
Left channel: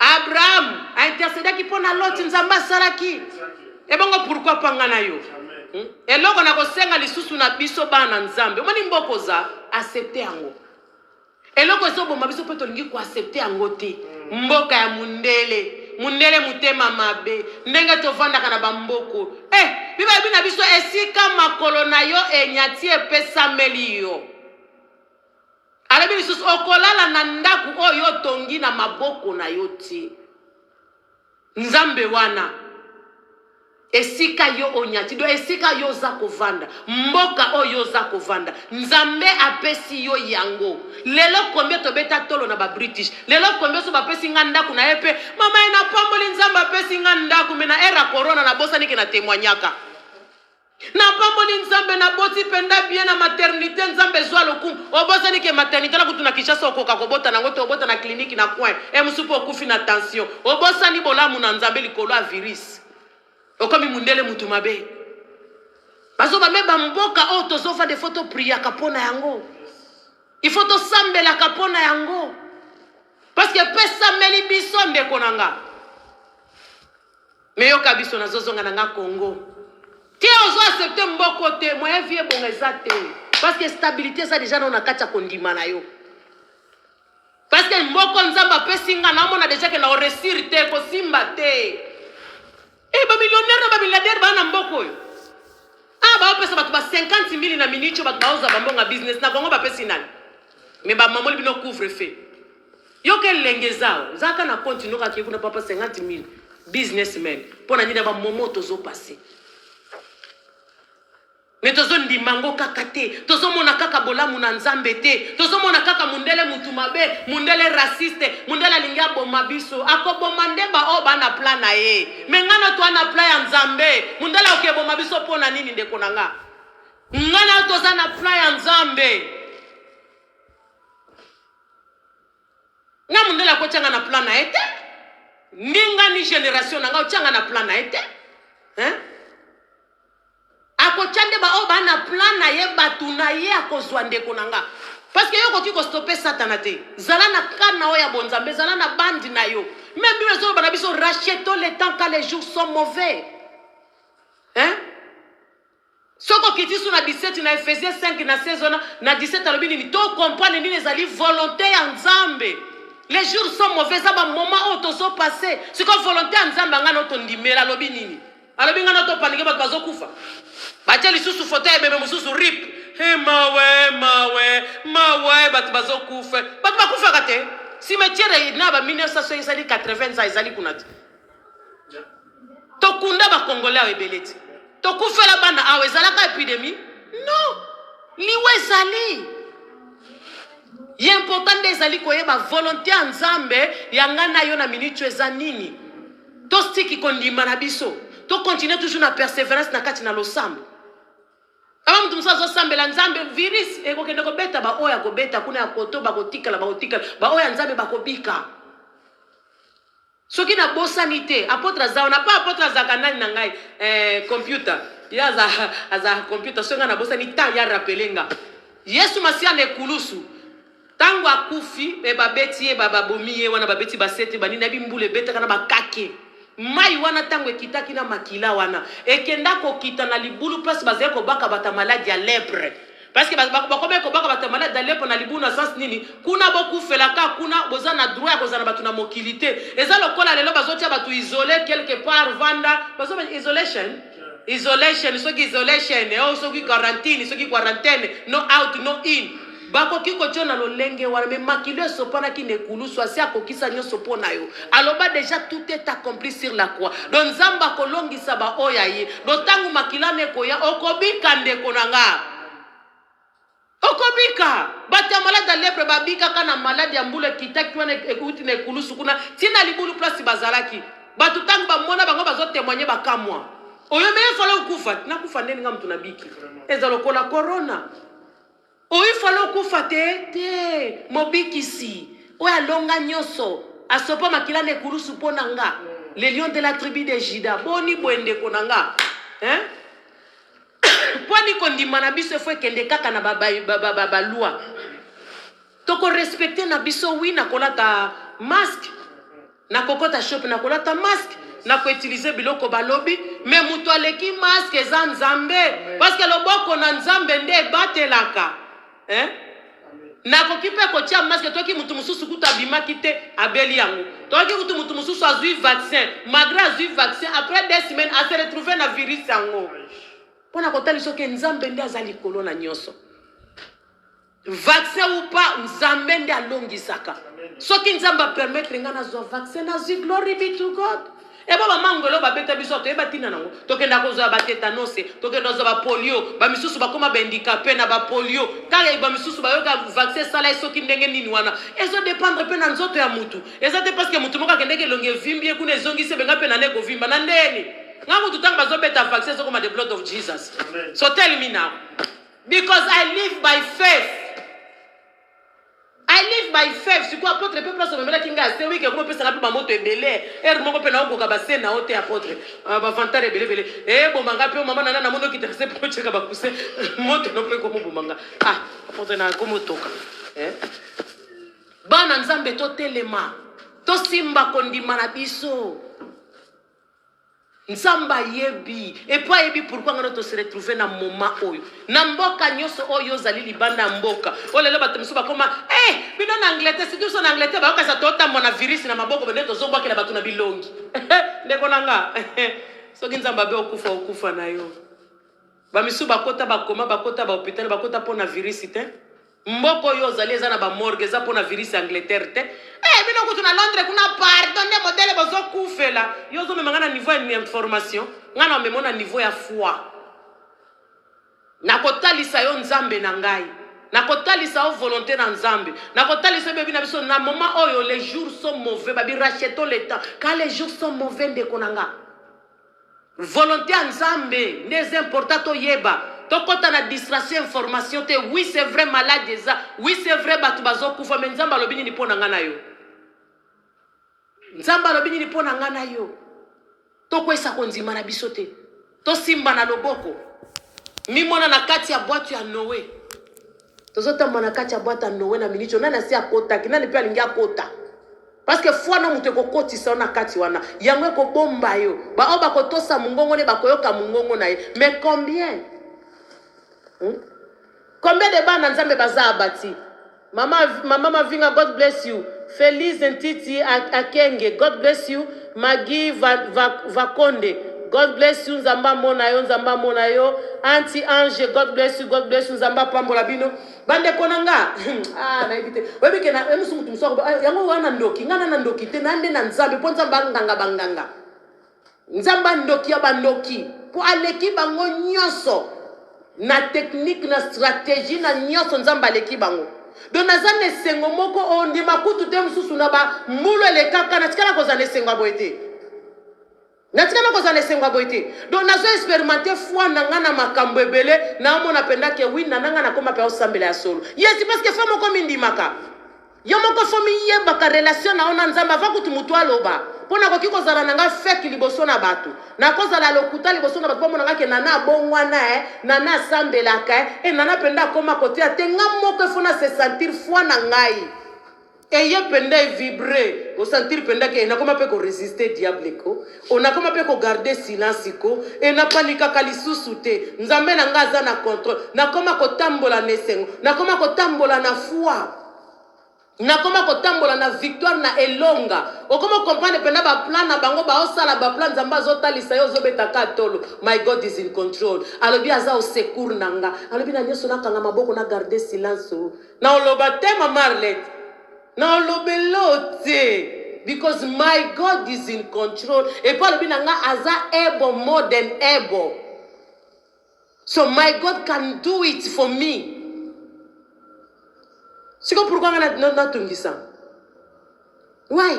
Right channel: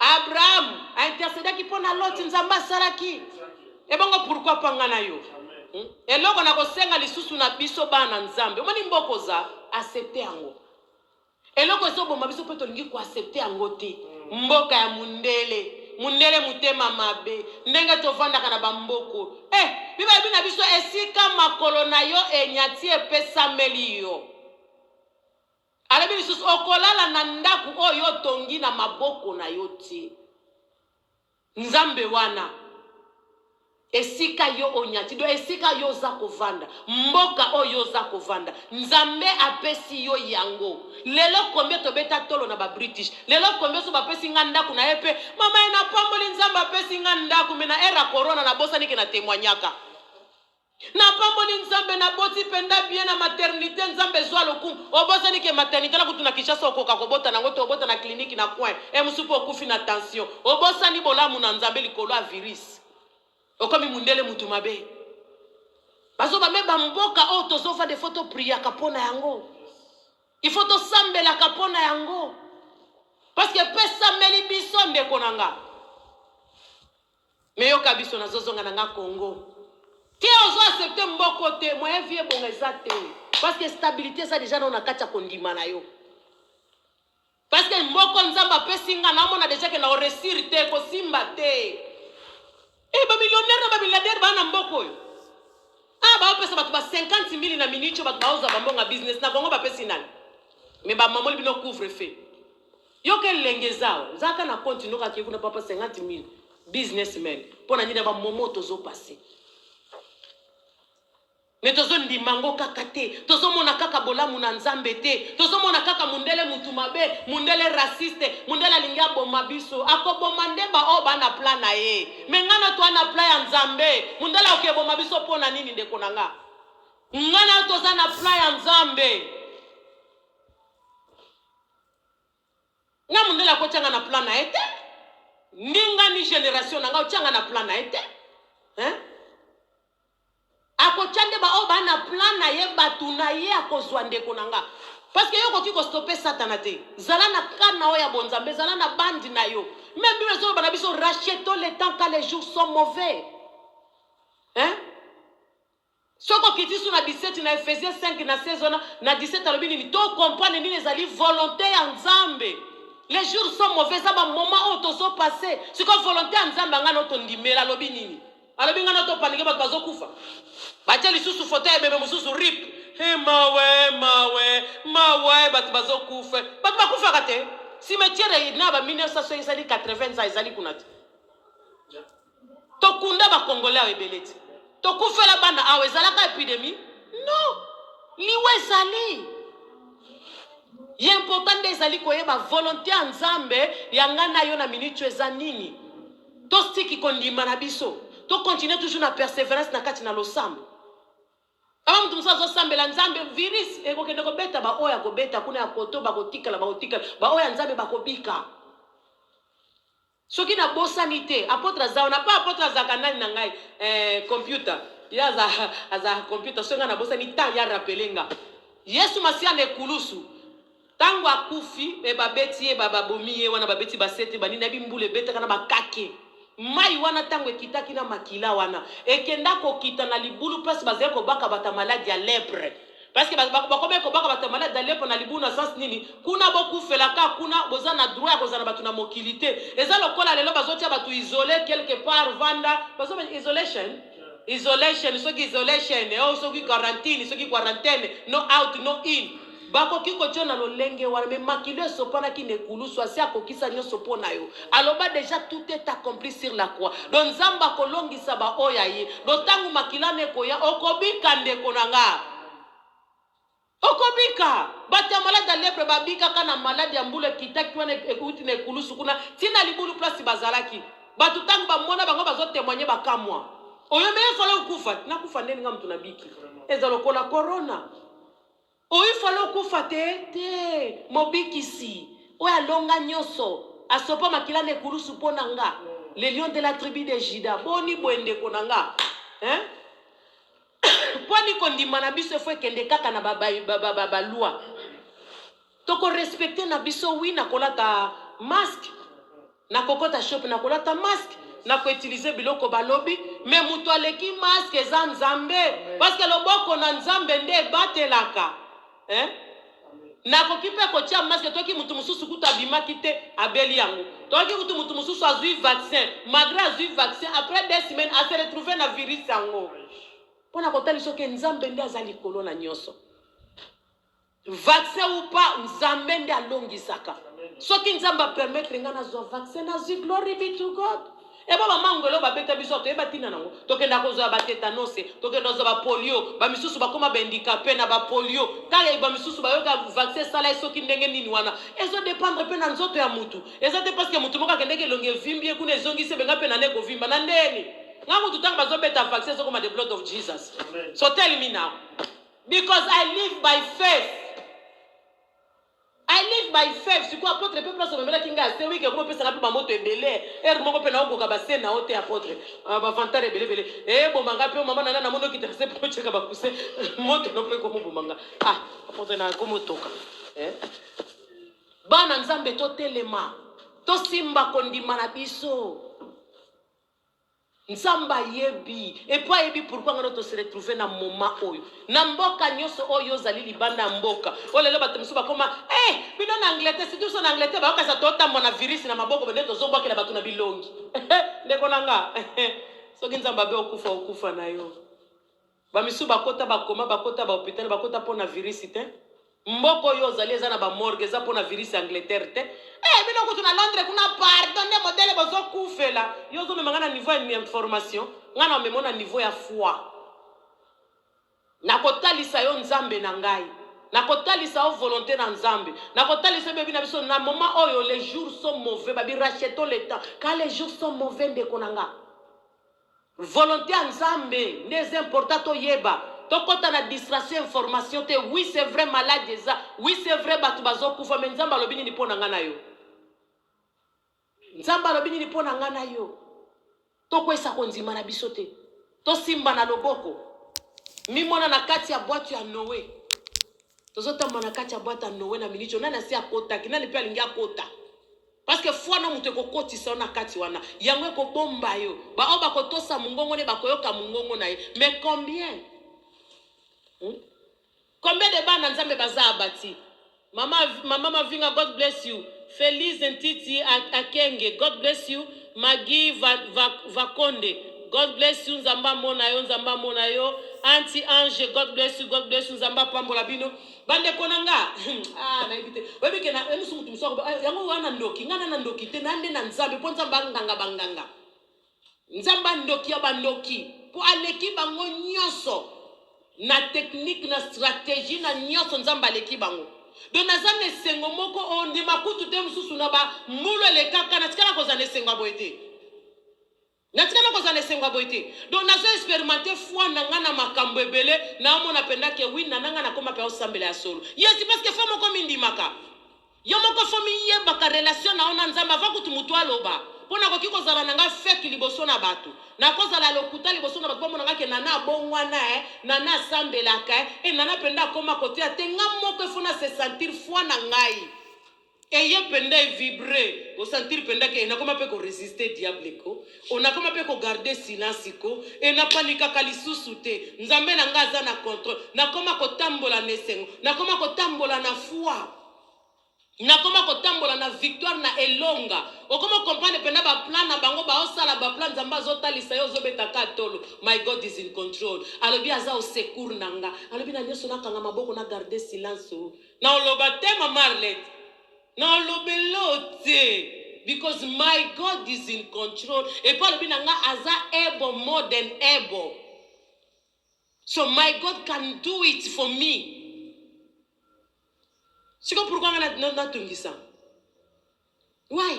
Abraham a intercédé qui pona l'autre nzamba salaki. Et bon pourquoi pangana yo? Et loko na kosenga lisusu na biso bana nzambe. Omani mboko za accepter yango. Et loko zo bomba biso pe tolingi ko accepter yango te. Mboka ya mundele mutema mabe. Ndenge tovanda kana ba mboko. Biba bina biso esika makolo na yo enyati epesa meli yo. Alabi lisusu okolala na ndaku oyo tongi na maboko na yo ti. nzambe wana esika yo onyati do esika yo za kovanda mboka oyo za kovanda nzambe apesi yo yango lelo kombie tobeta tolo na ba British lelo kombie so bapesi nga ndaku na epe mama ena pamboli nzambe apesi nga ndaku mena era corona na bosa niki na témoignaka na pamboli nzambe na boti penda bien na maternité nzambe zwa lokumu obosa niki maternité la kutuna Kinshasa okoka kobota nango to obota na clinique na coin musupu okufi na tension obosa ni bolamu na nzambe likolo a virus okomi mundele mutu mabe bazo ba meba mboka o tozofa de photo priya kapona yango il faut to sambela kapona yango parce que pesa meli biso ndeko nanga me yoka biso na zozonga nanga Congo ti ozo accepter mboko te moyen vie bonga ezate parce que stabilité ça déjà na kacha kondima na yo parce que mboko nzamba pesinga na mona déjà que na resir te ko simba te ba millionnaire ba milliardaire ba na mboko yo ba pesa batu ba 50,000 na minute ba baoza ba mbonga business na Congo ba pesi nani mais ba mamoli bino couvre feu yo ke lengezao zaka na continue ka kikuna papa 50,000 businessmen pona nyina ba momoto zo passer mais tozo ndimango kaka te tozo mona kaka bolamu na nzambe te tozo mona kaka mundele mutu mabe mundele raciste mundele alingia boma biso akoboma ndeba o bana plan na ye mengana to ana plan ya nzambe mundele okeboma biso pona nini ndeko nanga ngana toza na plan ya nzambe na mundele akochanga na plan na ete ninga ni generation nanga ochanga na plan na ete akochande ba o bana plan na ye batu na ye akozwa ndeko nanga parce que yo koki ko stopper satana te zala na kana o ya bonzambe zala na bandi na yo même bible zo bana biso rachetons le temps quand les jours sont mauvais soko kiti sur na 17 na Ephésiens 5 na 16 na 17 alobi ni to comprendre ni ezali volonté ya nzambe les jours sont mauvais ça ba moment o to so passer c'est comme volonté ya nzambe ngana to ndimela alobi nini alobi ngana to panike ba bazokufa batia lisusu foto ya bebe mususu rip mawe batu bazokufa batu bakufa kate cimetière na ba 1980 ezali kuna te tokunda ba congolais a ebeleti tokufela bana awe ezalaka épidémie non liwe ezali important nde ezali koyeba volonté ya nzambe yanga na yo na minute eza nini tostiki kondima na biso to continuer toujours na persévérance na kati na losambo aba mtu musazo sambela nzambe virus ekokende kobeta ba oya kobeta kuna ya koto bakotikala ba oya nzambe bakobika soki na bosanité apôtre zao na pas apôtre zakanani na ngai computer ya za computer songa na bosanité ya rappelenga Yesu Masia ne kulusu tango akufi babeti baba bomiye wana babeti basete banina bimbule beta kana bakake mai wana tango ekitaki na makila wana ekenda kokita na libulu place bazé ko baka bata maladie ya lèpre parce que bakobe ko baka bata maladie ya lèpre na libulu na sens nini kuna bokufela ka kuna bozana droit ya kozana batu na mokilité eza lokola lelo bazotia batu isolé quelque part vanda bazo isolation soki isolation soki quarantaine no out no in bako kiko chona lolenge wana me makilo sopana ki ne kulusu asi akokisa nyoso pona yo aloba déjà tout est accompli sur la croix donc nzamba kolongisa ba oya ye lotangu makilane koya okobika ndeko nanga okobika bata malade ya lèpre babika kana malade ya mbule kitaki wana ekuti ne kulusu kuna tina libulu place bazalaki batu tangu bamona bango bazo témoigner bakamwa oyo me falo kufa na kufa ndeni nga mtu nabiki ezalokola corona oyo falo kufa te mobikisi oya longa nyoso asopa makilane kulusu pona nga le lion de la tribu de Juda boni bwende konanga poni kondima na biso fo kende kaka na baba loi toko respecter na biso wi na kolata masque na kokota shop na kolata masque na ko utiliser biloko balobi mais mutu aleki masque eza nzambe parce que loboko na nzambe nde batelaka na kokipe ko tia masque toki mutu mususu kuta bimaki te abeli yango toki mutu mususu azui vaccin malgré azui vaccin après 2 semaines a se retrouver na virus yango pona kotali soki nzambe nde azali kolo na nyoso vaccin ou pas nzambe nde alongisaka soki nzamba permettre ngana zo vaccin na zi glory be to God Et ba mangolo ba beta biso to eba tina nango tokenda kozwa ba tétanose tokenda kozwa ba polio ba misusu ba koma ba handicapé na ba polio kala ba misusu ba yoka vaccin sala soki ndenge nini wana ezo dépendre pe na nzoto ya mutu eza te parce que mutu moka kendeke longe vimbie kuna ezongi se benga pe na neko vimba na ndeni ngango tutanga bazo beta vaccin so koma the blood of Jesus. Amen. So tell me now, because I live by faith. I live by faith. Si quoi apôtre peut place me mettre kinga c'est oui que comment peut ça rappeler moto ebele er moko pe na okoka ba sena ote apôtre ba vantare ebele bele bo manga pe mama nana na mono ki terse po cheka ba kuse moto no pe como bomanga apôtre na como toka bana nzambe to telema to simba kondima na biso nzamba yebi et pas yebi pourquoi on se retrouver na moment oyo na mboka nyoso oyo zali libanda mboka olelo batemusu bakoma bino na Angleterre si tuso na Angleterre ba okasa tota mona virus na maboko bene to zobwa kila batu na bilongi ndeko nanga soki nzamba be okufa na yo ba misu bakota bakoma bakota ba hôpital bakota pona virus te mboko yo zali eza na ba morgue eza pona virus Angleterre te bino kutu na Londres kuna pardon de modèle bozo kufela yo zo memanga na niveau ya information ngana memona niveau ya foi na kotalisa yo nzambe na ngai na kotalisa o volonté na nzambe na kotalisa bebi na biso na moment oyo les jours sont mauvais babi rachetons le temps quand les jours sont mauvais ndeko nanga volonté ya nzambe n'est important to yeba tokota na distraction information te oui c'est vrai malade eza oui c'est vrai batu bazo kufa mais nzamba lobi ni pona ngana yo nzamba lobi ni pona ngana yo tokwesa konzima na biso te to simba na loboko mimona na kati ya boîte ya Noé tozotamba na kati ya boîte ya Noé na minicho nana si akota kinani pe alingi akota parce que foi na mutu kokotisa na kati wana yango ko bomba yo ba oba kotosa mungongo ne bakoyoka mungongo na ye mais combien de bana nzambe baza abati mama Mavinga, God bless you. Feliz Ntiti Akenge, God bless you. Magi Vakonde, God bless you. Nzamba mona yo. Auntie Ange, God bless you. God bless you. Nzamba pambola bino. Bande konanga. Na ibite. Webi kena emusu mutu msoko. Yango wana ndoki. Ngana na ndoki. Te nande na nzambe. Po nzamba banganga. Nzamba ndoki ya bandoki. Po aleki bango nyonso. Na technique, na stratégie, na nyonso nzamba aleki bango. Donc nazane sengo moko ondi makutu te mususu na ba mbulo le kaka na tikana kozane sengo boyete na tikana kozane sengo boyete donc nazo expérimenter foi na ngana makambo ebele na mona penda ke wi na nanga na koma pe osambela ya solo yes parce que femme ko mindimaka yo moko fomi yeba ka relation na ona nzamba va kutu mutu aloba pona ko kiko zala nanga feki liboso na batu na kozala lokuta liboso na batu pomona ngake nana bongwana nana sambelaka nana penda koma kote atenga moko fona se sentir foi na ngai ye penda vibrer o sentir penda ke na koma pe ko résister diable ko ona koma pe ko garder silence ko na panika kalisusu te nzambe na ngaza na contrôle na koma ko tambola nesengo na koma ko tambola na foi na koma kotambola na victoire na elonga okoma comprendre pena ba plan na bango ba osala ba plan nzamba zotalisa yo zobeta ka tolo my God is in control alobi aza au secours nanga alobi na nyoso na kanga maboko na garder silence na oloba te mama Arlette na olobelote because my God is in control et pa alobi nanga aza able more than able so my God can do it for me. C'est pourquoi on a tungisa. Why?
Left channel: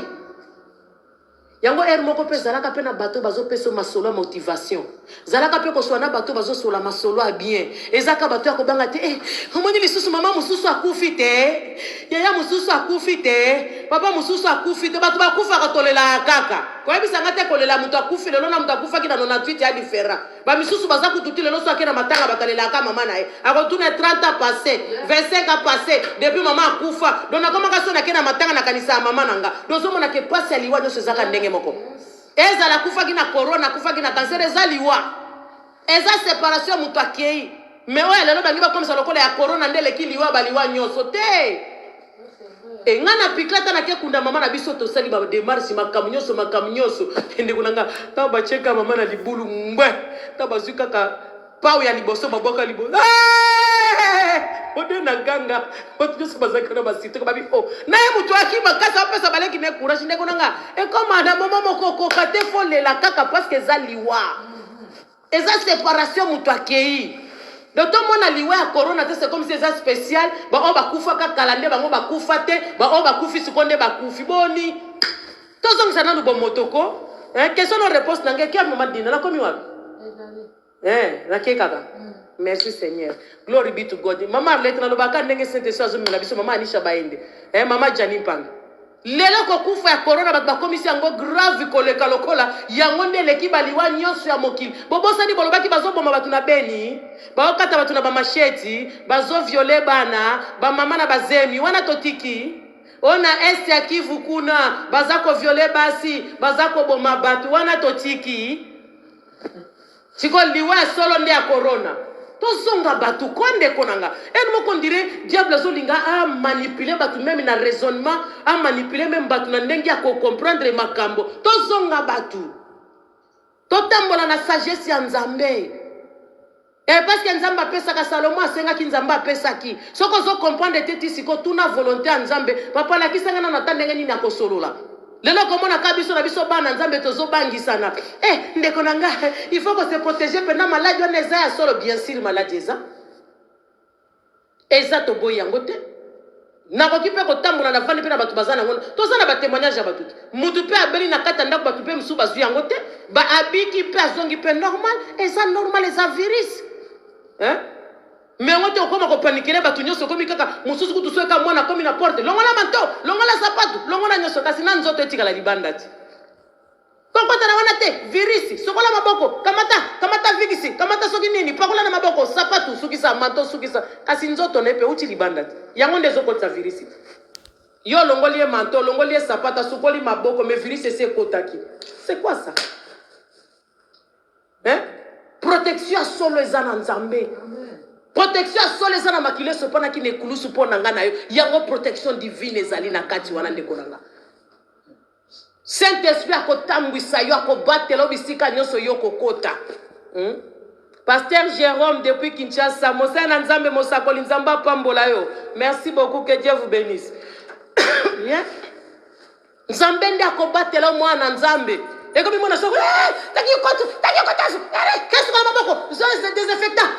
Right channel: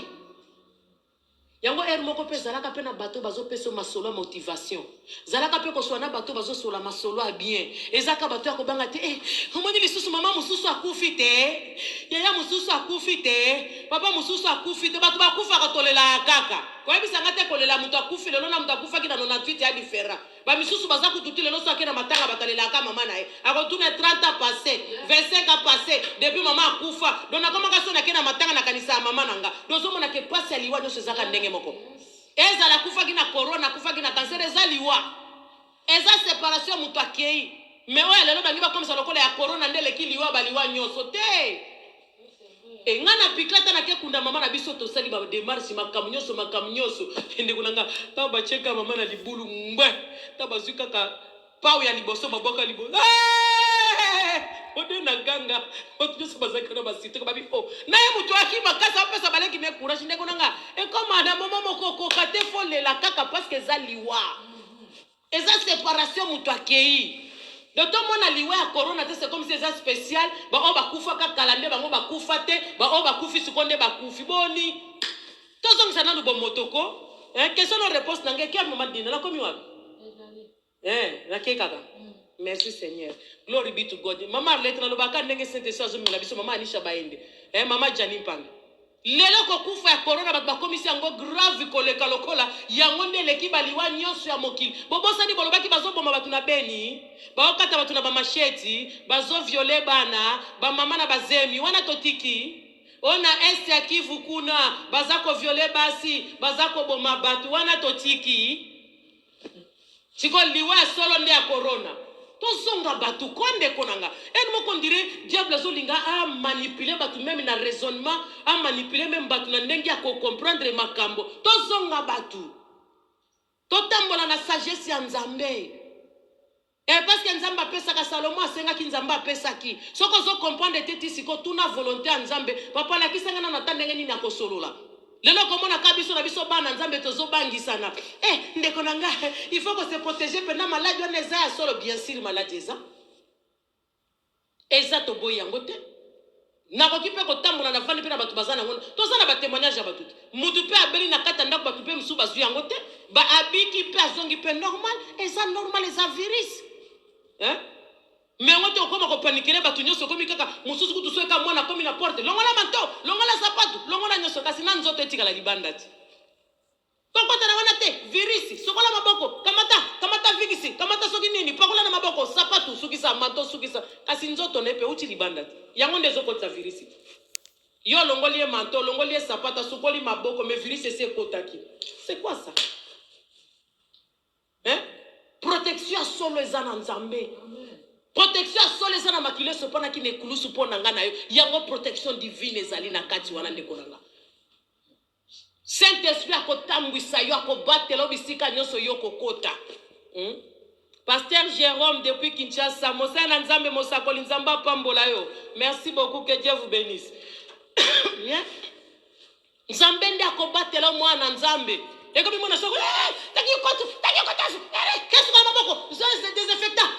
Yango moko pe zalaka pe na bato bazo peso masolo motivation. Zalaka pe ko swana bato bazo sola masolo a bien. Ezaka bato ya kobanga te omoni lisusu mama mususu akufi te. Yaya mususu akufi te. Papa mususu akufi te. Bato bakufa ka tolela kaka. Kwa bisa ngate kolela mutu akufi lelo na mutu akufa ki na 98 ya différent. Ba misusu baza kututi lelo so akena matanga batalela ka mama na ye. Akotuna 30 ans passé, 25 ans passé depuis mama akufa. Donc na koma ka so na kena matanga na kanisa mama nanga. Donc so mona ke pasi aliwa nyo sezaka ndenge moko. Eza la kufa ki na corona, kufa ki na cancer eza liwa. Eza séparation mutu akei. Mais oya lelo bangi ba komisa lokola ya corona ndele ki liwa baliwa nyoso te. Ngana piklata na ke kunda mama na biso to sali ba démarche makamunyoso ende kunanga ta ba cheka mama na libulu mbwe ta bazuka ka pau ya liboso maboka liboso ode na ganga otu so bazaka na basito ko babi oh na ye mutu akima kasa pesa baleki ne courage ndeko nanga e comme na mama moko kate fole la kaka parce que za liwa eza séparation mutu akei donc tout monde a liwa ya corona c'est comme c'est ça spécial ba o bakufa ka kalande bango bakufa te ba o bakufi sikonde bakufi boni tozong sana no bomotoko question no réponse nanga ki mama dina na komi wapi na ke kaka merci Seigneur. Glory be to God. Mama Arlette na lobaka ndenge Saint Esprit azomela biso mama Anisha Baende. Mama Jani Mpanga. Lelo ko kufa ya corona ba komisi yango grave koleka lokola yango ndele ki baliwa nyonso ya mokili. Bobosa ni bolobaki bazoboma batu na Beni. Baokata batu na ba macheti, bazo violer bana, ba mama na bazemi wana totiki. Ona est ya Kivu kuna bazako violer basi, bazako boma batu wana totiki. Chiko liwa solo nde ya corona. Tozonga batu konde konanga moko ndire diable zolinga a manipuler batu même na raisonnement a manipuler même batu na ndenge ya comprendre makambo tozonga batu totambola na sagesse ya Nzambe parce que Nzambe apesaka Salomo asengaki Nzambe apesaki soko zo comprendre teti siko tuna volonté ya Nzambe papa la kisanga na natandenge nini akosolola lelo komona kabiso na biso bana Nzambe tozo bangisana ndeko nanga il faut que se protéger pendant maladie on eza ya solo bien sûr maladie eza to boyango te na ko kipe ko tambola na vandi pe na batu bazana ngona tozana ba témoignage ya batu mutu pe abeli na kata ndako batu pe musu bazu yango te ba abiki pe azongi pe normal eza normal eza virus mais on te okoma ko paniquer batu nyonso komi kaka mususu kutu soeka mwana komi na porte longola manto longola sapatu longola nyonso kasi na nzoto etikala libanda ti kokota na wana te virus sokola maboko kamata vigisi kamata soki nini pakola na maboko sapatu sukisa manto sukisa kasi nzoto nepe uti libanda ti yango ndezo kota virus yo longolie manto longolie sapata sukoli maboko mais virus c'est kotaki c'est quoi ça protection solo ezana Nzambe protection solo ezana makile sopana ki nekulusu pona ngana yo yango protection divine ezali na kati wana ndeko nanga Saint-Esprit akotambwisa yo akobatela bisika nyonso yo kokota Pasteur Jérôme depuis Kinshasa Mosana Nzambe mosakoli Nzamba pambola yo merci beaucoup que Dieu vous bénisse Nzambe ndi akobatela mwana Nzambe eko bimona soko taki koto qu'est-ce que maboko c'est désinfectant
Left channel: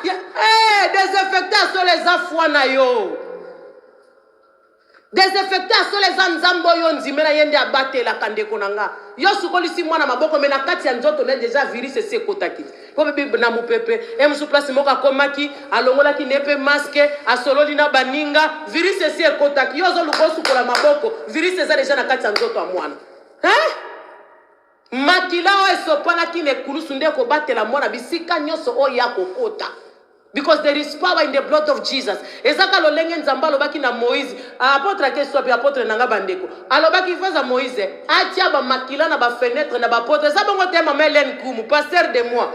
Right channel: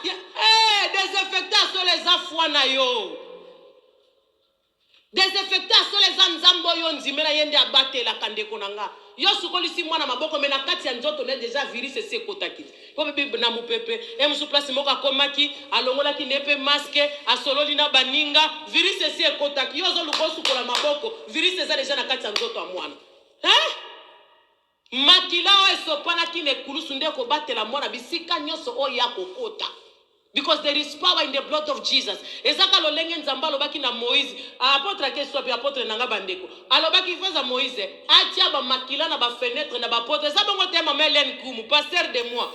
désinfectant sur les afwa na yo désinfectant sur les Nzambo yo nzimena yende abatela kandeko nanga yo sukolisi mwana maboko mena kati ya nzoto ne déjà virus c'est kotaki ko bebe na mupepe musu place moka komaki alongola ki nepe masque asololi na baninga virus c'est kotaki yo zo lukosu kola maboko virus eza déjà na kati ya nzoto ya mwana makila o esopana ki ne kulusu nde ko batela mwana bisika nyonso o ya kokota because there is power in the blood of Jesus. Ezaka lolenge Nzamba lobaki na Moïse apôtre ke sopi apôtre nanga bandeko alobaki faza Moïse atia ba makila na ba fenêtre na ba porte za bongo tema Melen Kumu pasteur de moi